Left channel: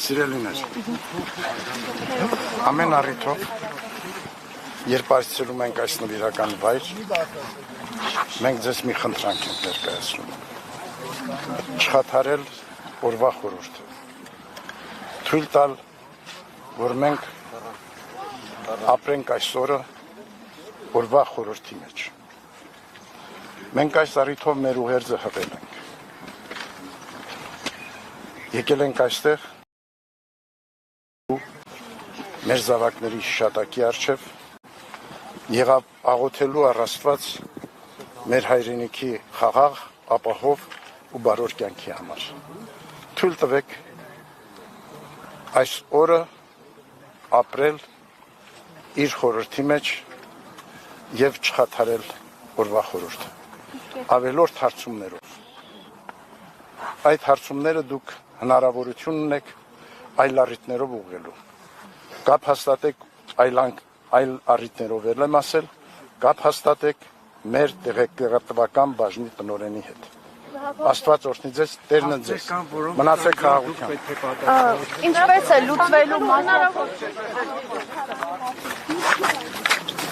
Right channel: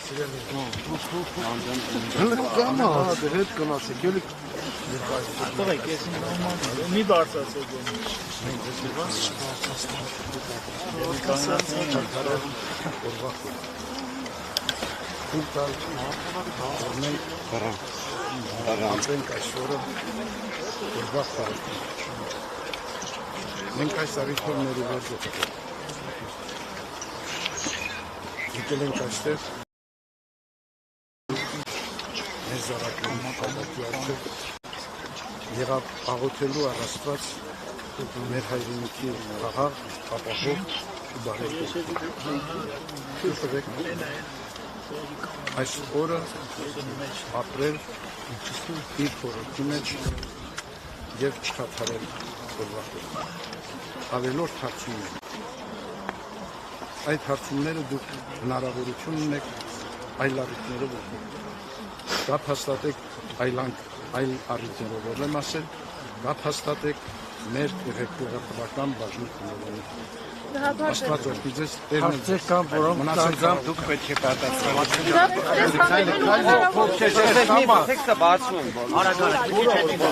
Սիրելիներ, ամեն առիթով, երբ այսցրում ենք այս նվիրական վայր, մենք ձեզ մի խնդրանք ենք ներկայացնում, չխաթարել օրվա խորհուրդ, թույլ տալ, որ մենք ապրենք այս օրը օրվա խորհրդի մեջ, մենք այս առիթով մեր ուղերձը հղել, եկել ենք այստեղ, մեր զավակների հիշատակի առջև եղավ աղոթելու առ Աստված մեր հայրենիքի խաղաղ, ապահով ու բարոր կյանքի համար։ Թույլ տվեք այս օրը ապրել իր խորհրդի մեջ եւ չխաթարել օրվա խորհուրդը։ Ավելորդ հարցումներով։ Այդ հարցումները դուք հնարավորություն ունեք այլ առիթներով ուղղելու։ Կապ հաստատեք այլ առիթներով եմ ասել, կապ հաստատեք մեր տեղեկատվական բաժնի տնօրենի հետ։ Աստված օրհնի ձեզ, Տերն ձեզ, մնացեք խաղաղությամբ։